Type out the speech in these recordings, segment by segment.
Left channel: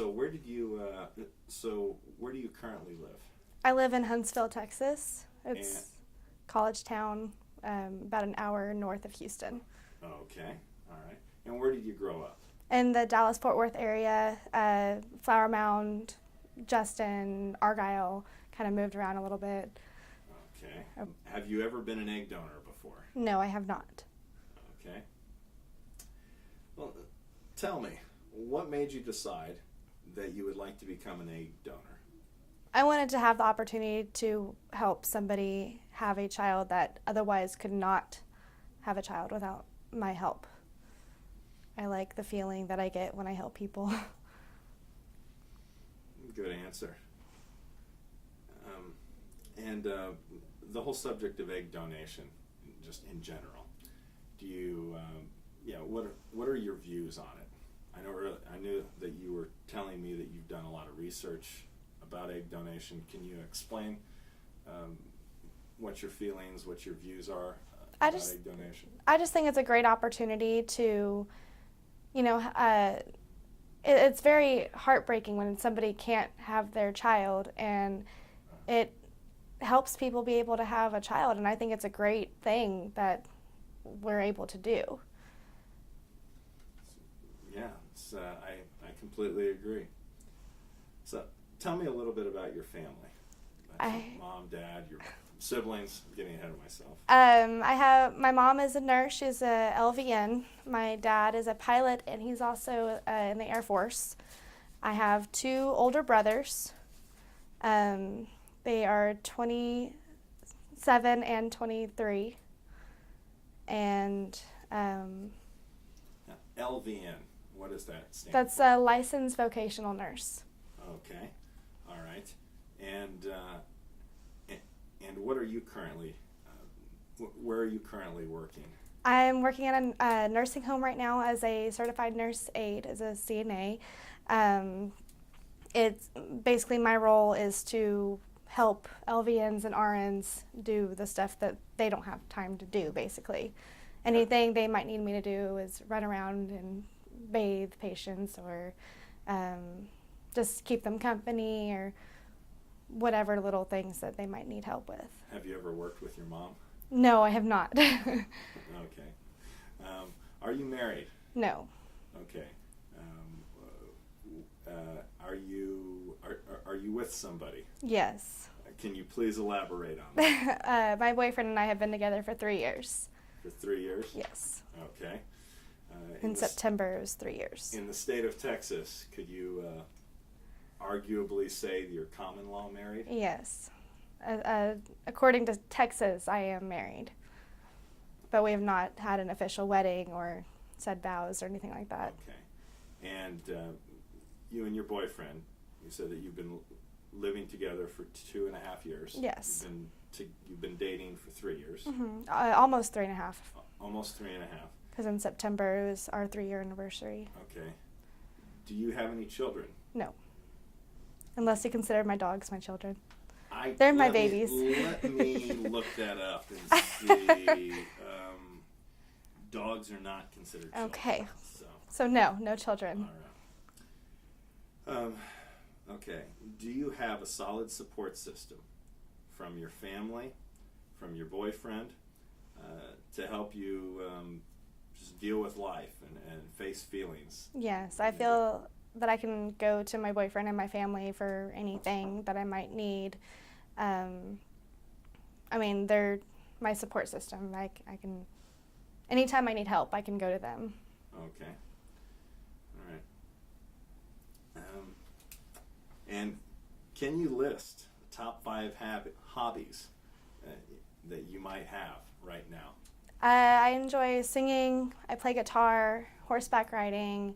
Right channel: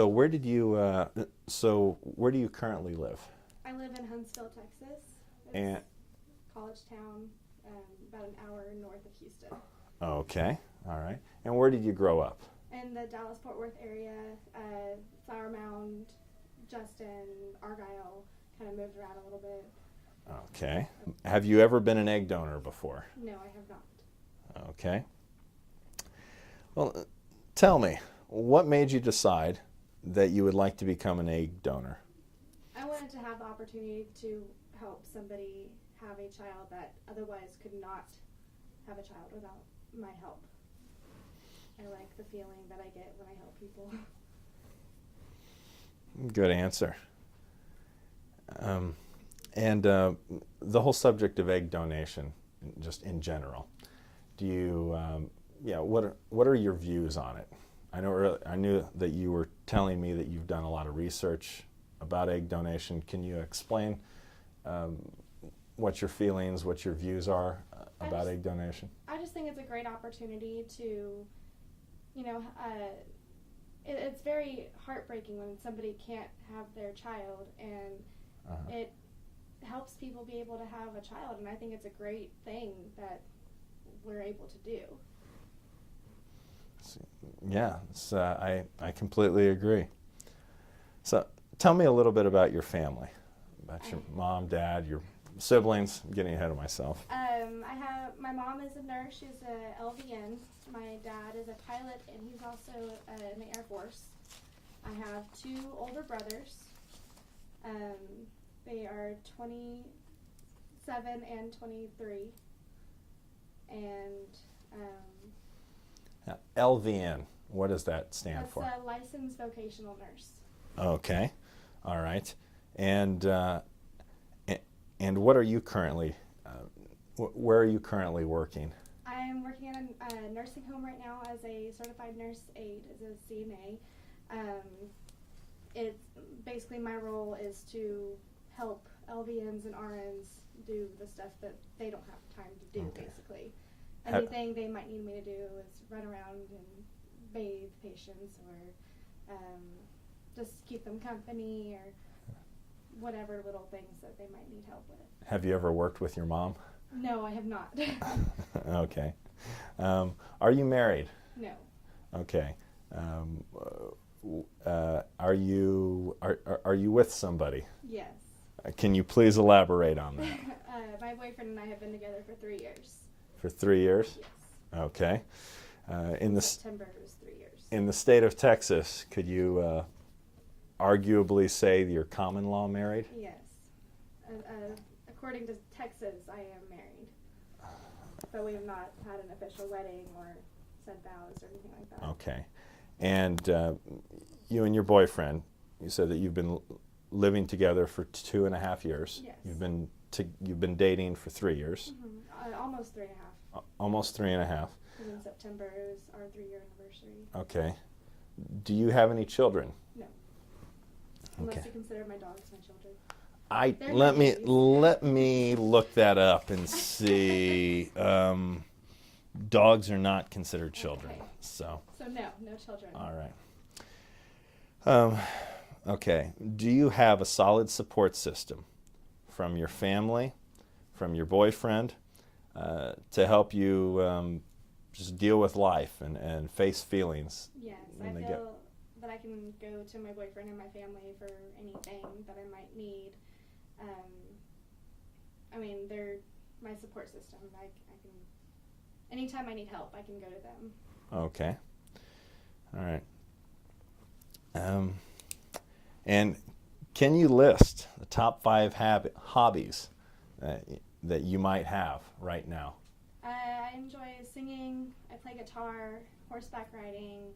So where do you currently live? I live in Huntsville, Texas. And It's college town, about an hour north of Houston. okay, all right. And where did you grow up? In the Dallas-Fort Worth area, Flower Mound, Justin, Argyle, kind of moved around a little bit. Okay. Have you ever been an egg donor before? No, I have not. Okay. Well, tell me, what made you decide that you would like to become an egg donor? I wanted to have the opportunity to help somebody have a child that otherwise could not have a child without my help. I like the feeling that I get when I help people. Good answer. And the whole subject of egg donation, just in general, do you, what are your views on it? I knew that you were telling me that you've done a lot of research about egg donation. Can you explain what your feelings, what your views are about egg donation? I just think it's a great opportunity to, it's very heartbreaking when somebody can't have their child, and it helps people be able to have a child, and I think it's a great thing that we're able to do. Yeah, I completely agree. So tell me a little bit about your family, about your mom, dad, your siblings. I'm getting ahead of myself. My mom is a nurse. She's a LVN. My dad is a pilot, and he's also in the Air Force. I have two older brothers. They are 27 and 23. And now, LVN, what does that stand that's for? a licensed vocational nurse. Okay, all right. And what are you currently, where are you currently working? I'm working at a nursing home right now as a certified nurse aide, as a CNA. It's basically my role is to help LVNs and RNs do the stuff that they don't have time to do, basically. Anything they might need me to do is run around and bathe patients, or just keep them company, or whatever little things that they might need help with. Have you ever worked with your mom? No, I have not. Okay. Are you married? No. Okay. Are you with somebody? Yes. Can you please elaborate on that? My boyfriend and I have been together for 3 years. For 3 years? Yes. Okay. In September, it was 3 years. In the state of Texas, could you arguably say you're common law married? Yes. According to Texas, I am married. But we have not had an official wedding or said vows or anything like that. Okay. And you and your boyfriend, you said that you've been living together for 2.5 years. Yes. You've been dating for 3 years. Mm-hmm. Almost 3.5. Almost 3.5. Because in September it was our 3-year anniversary. Okay. Do you have any children? No. Unless Okay. you consider my dogs my children. Let They're my babies. Let me look that up and see. Dogs are not considered children. Okay. So no children. all right. Okay. Do you have a solid support system from your family, from your boyfriend, to help you just deal with life and face feelings? Yes, I feel that I can go to my boyfriend and my family for anything that I might need. They're my support system. I can, anytime I need help, I can go to them. Okay. All right. And can you list the top 5 hobbies that you might have right now? I enjoy singing. I play guitar, horseback riding,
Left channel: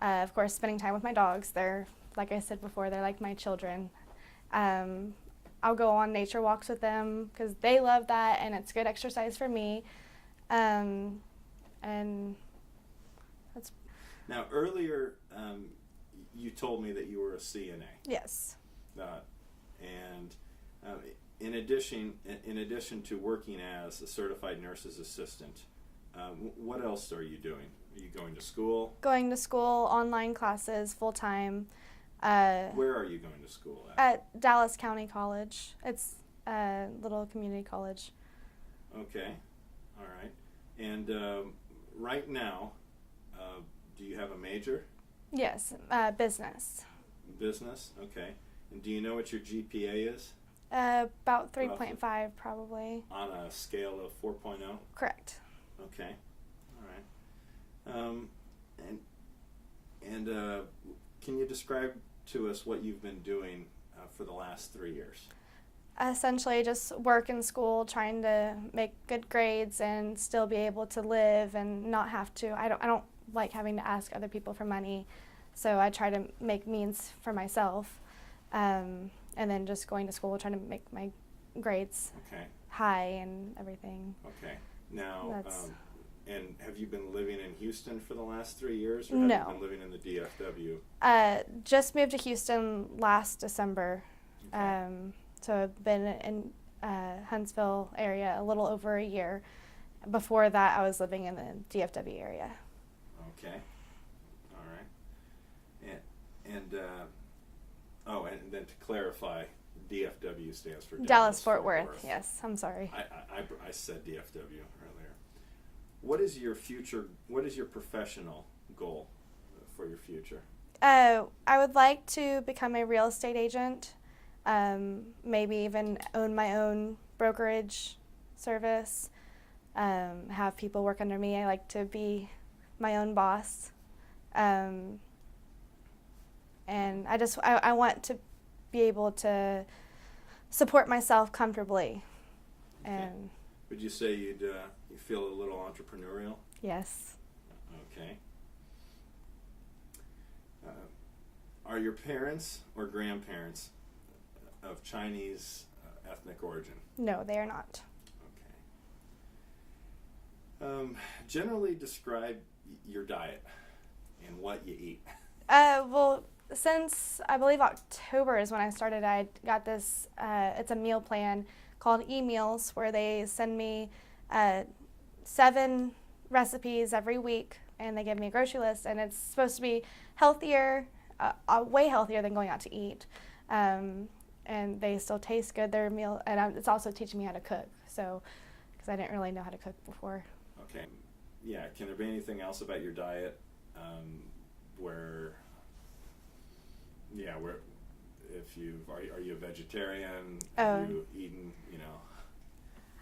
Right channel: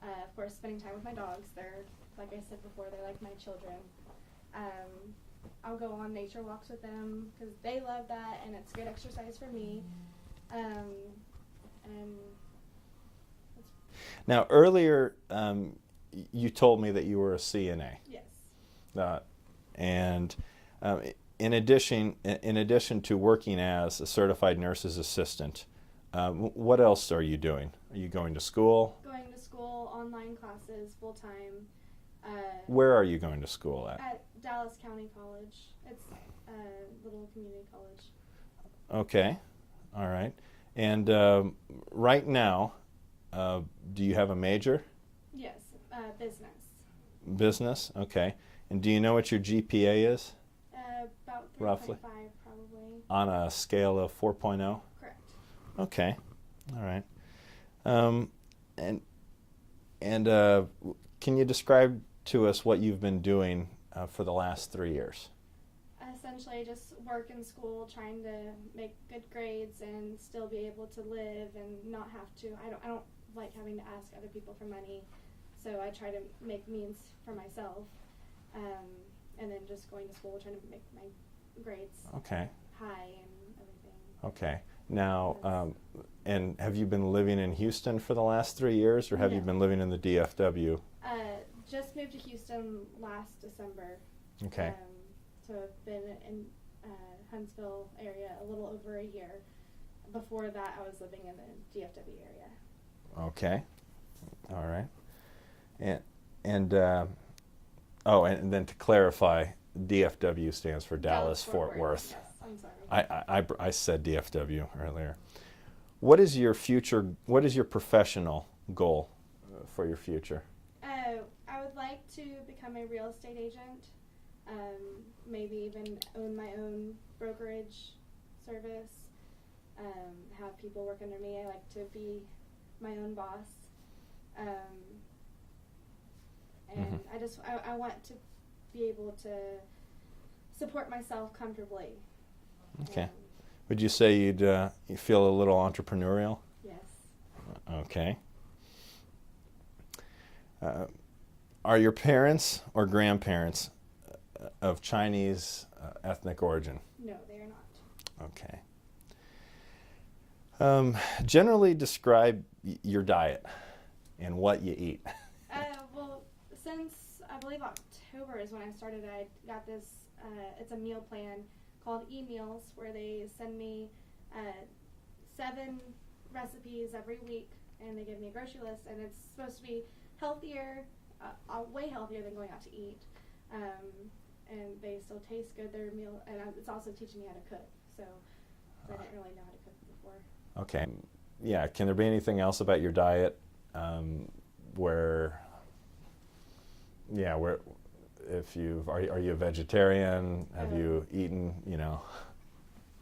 of course, spending time with my dogs. They're, like I said before, they're like my children. I'll go on nature walks with them because they love that, and it's good exercise for me. And that's... Now, earlier, you told me that you were a CNA. Yes. And in addition to working as a certified nurse's assistant, what else are you doing? Are you going to school? Going to school, online classes, full-time. Where are you going to school at? At Dallas County College. It's a little community college. Okay, all right. And right now, do you have a major? Yes, business. Business, okay. And do you know what your GPA is? About 3.5 Roughly. probably. On a scale of 4.0? Correct. Okay, all right. And can you describe to us what you've been doing for the last 3 years? Essentially just work in school, trying to make good grades and still be able to live and not have to. I don't like having to ask other people for money, so I try to make means for myself, and then just going to school, trying to make my grades Okay, high and everything. okay. Now, That's- and have you been living in Houston for the last 3 years, or have you No. been living in the DFW? Just moved to Houston last December. Okay. So I've been in Huntsville area a little over a year. Before that, I was living in the DFW area. Okay. All right. And then to clarify, DFW stands for Dallas Fort Worth. Yes, I'm sorry. I said DFW earlier. What is your professional goal for your future? I would like to become a real estate agent. Maybe even own my own brokerage service. Have people work under me. I like to be my own boss. And I want to be able to support myself comfortably. Okay. And Would you say you feel a little entrepreneurial? yes. Okay. Are your parents or grandparents of Chinese ethnic origin? No, they are not. Okay. Generally describe your diet and what you eat. Well, since I believe October is when I started, I got this, it's a meal plan called eMeals, where they send me 7 recipes every week, and they give me a grocery list, and it's supposed to be healthier, way healthier than going out to eat. And they still taste good, their meal, and it's also teaching me how to cook, so, because I didn't really know how to cook before. Okay. Yeah. Can there be anything else about your diet where if are you a vegetarian? Have you eaten?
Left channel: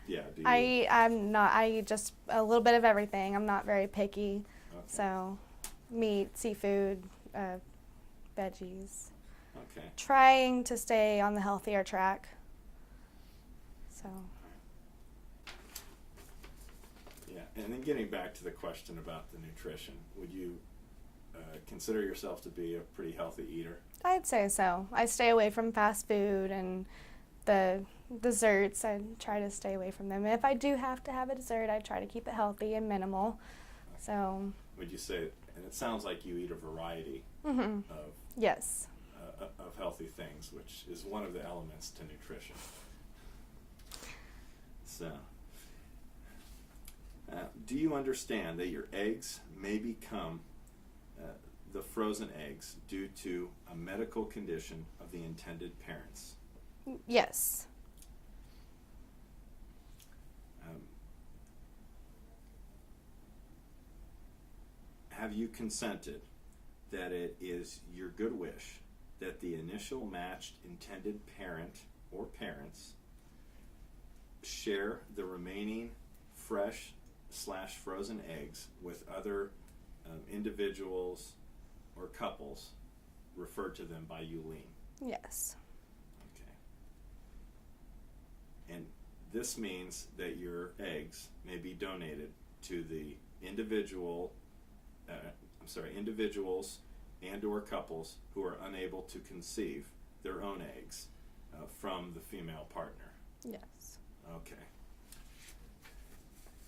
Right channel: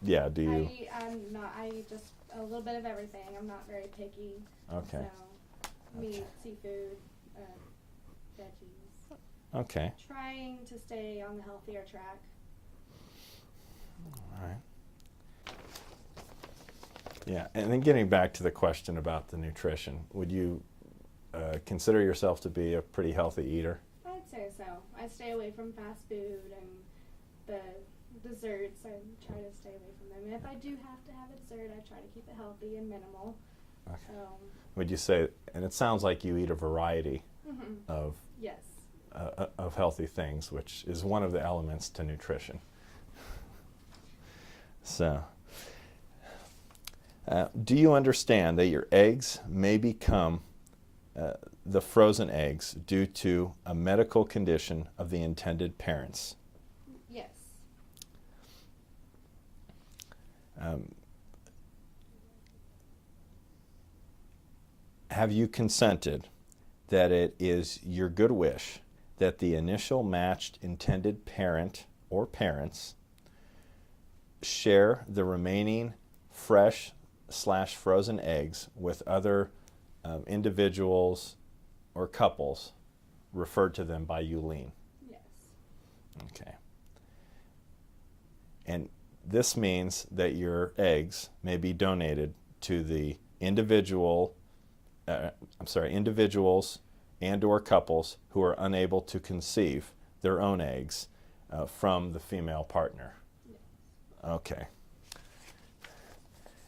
Yeah. Do you? I'm not. I eat just a little bit of everything. I'm not very picky. Okay. So, meat, seafood, veggies. Okay. Trying to stay on the healthier track. So. All right. Yeah, and then getting back to the question about the nutrition, would you consider yourself to be a pretty healthy eater? I'd say so. I stay away from fast food and the desserts. I try to stay away from them. If I do have to have a dessert, I try to keep it healthy and minimal. Okay. So. Would you say, and it sounds like you eat a variety of Yes. of healthy things, which is one of the elements to nutrition. So, do you understand that your eggs may become the frozen eggs due to a medical condition of the intended parents? Yes. Have you consented that it is your good wish that the initial matched intended parent or parents share the remaining fresh/frozen eggs with other individuals or couples, referred to them by Yulene? Yes. Okay. And this means that your eggs may be donated to the individuals and or couples who are unable to conceive their own eggs from the female partner. Yes. Okay.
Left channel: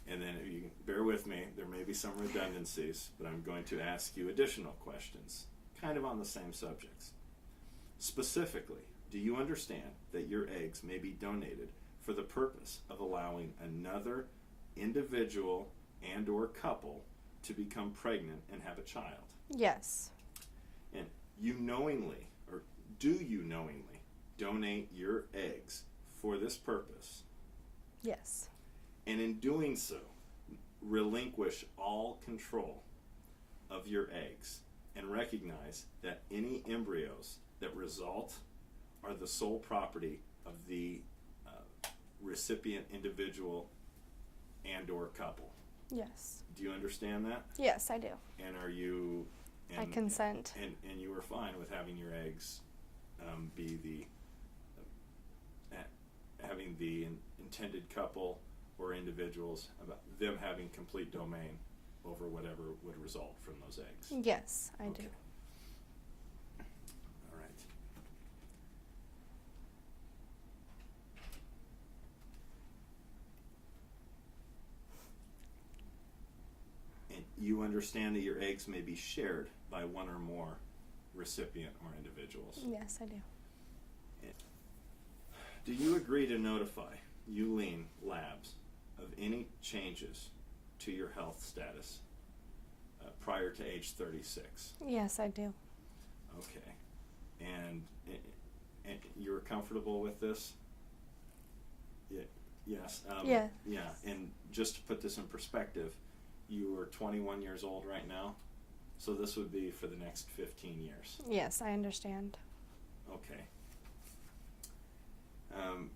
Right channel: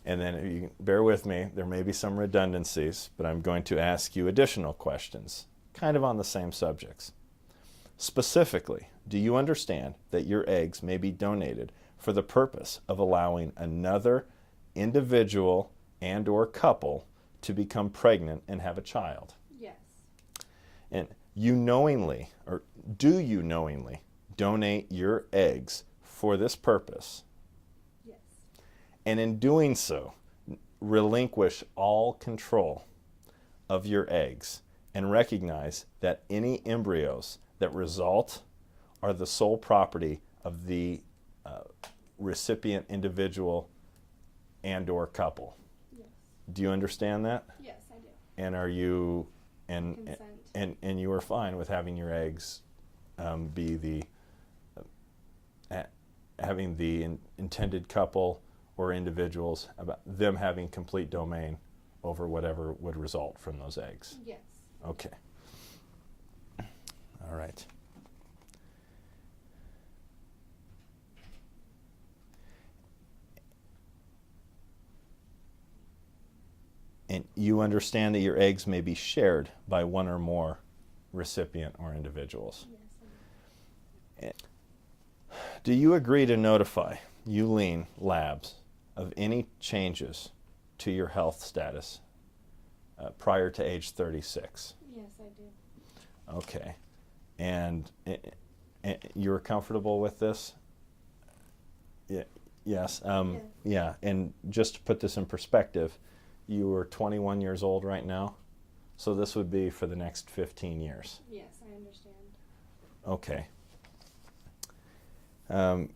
And then, if you can bear with me, there may be some redundancies, but I'm going to ask you additional questions, kind of on the same subjects. Specifically, do you understand that your eggs may be donated for the purpose of allowing another individual and or couple to become pregnant and have a child? Yes. And you knowingly do you knowingly donate your eggs for this purpose, Yes. and in doing so, relinquish all control of your eggs and recognize that any embryos that result are the sole property of the recipient individual and or couple? Yes. Do you understand that? Yes, I do. And are you I consent. and you are fine with having your eggs be the having the intended couple or individuals, about them having complete domain over whatever would result from those eggs? Yes, I Okay. All right. And you understand that your eggs may be shared by one or more recipient or individuals. do. Yes, I do. Do you agree to notify Uline Labs of any changes to your health status prior to age 36? Yes, I do. Okay. And you're comfortable with this? Yeah. Yes. Yeah. Yeah. And just to put this in perspective, you are 21 years old right now, so this would be for the next 15 years. Yes, I understand. Okay. All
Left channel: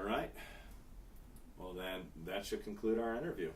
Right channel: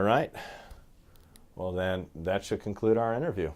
right. Well, then that should conclude our interview.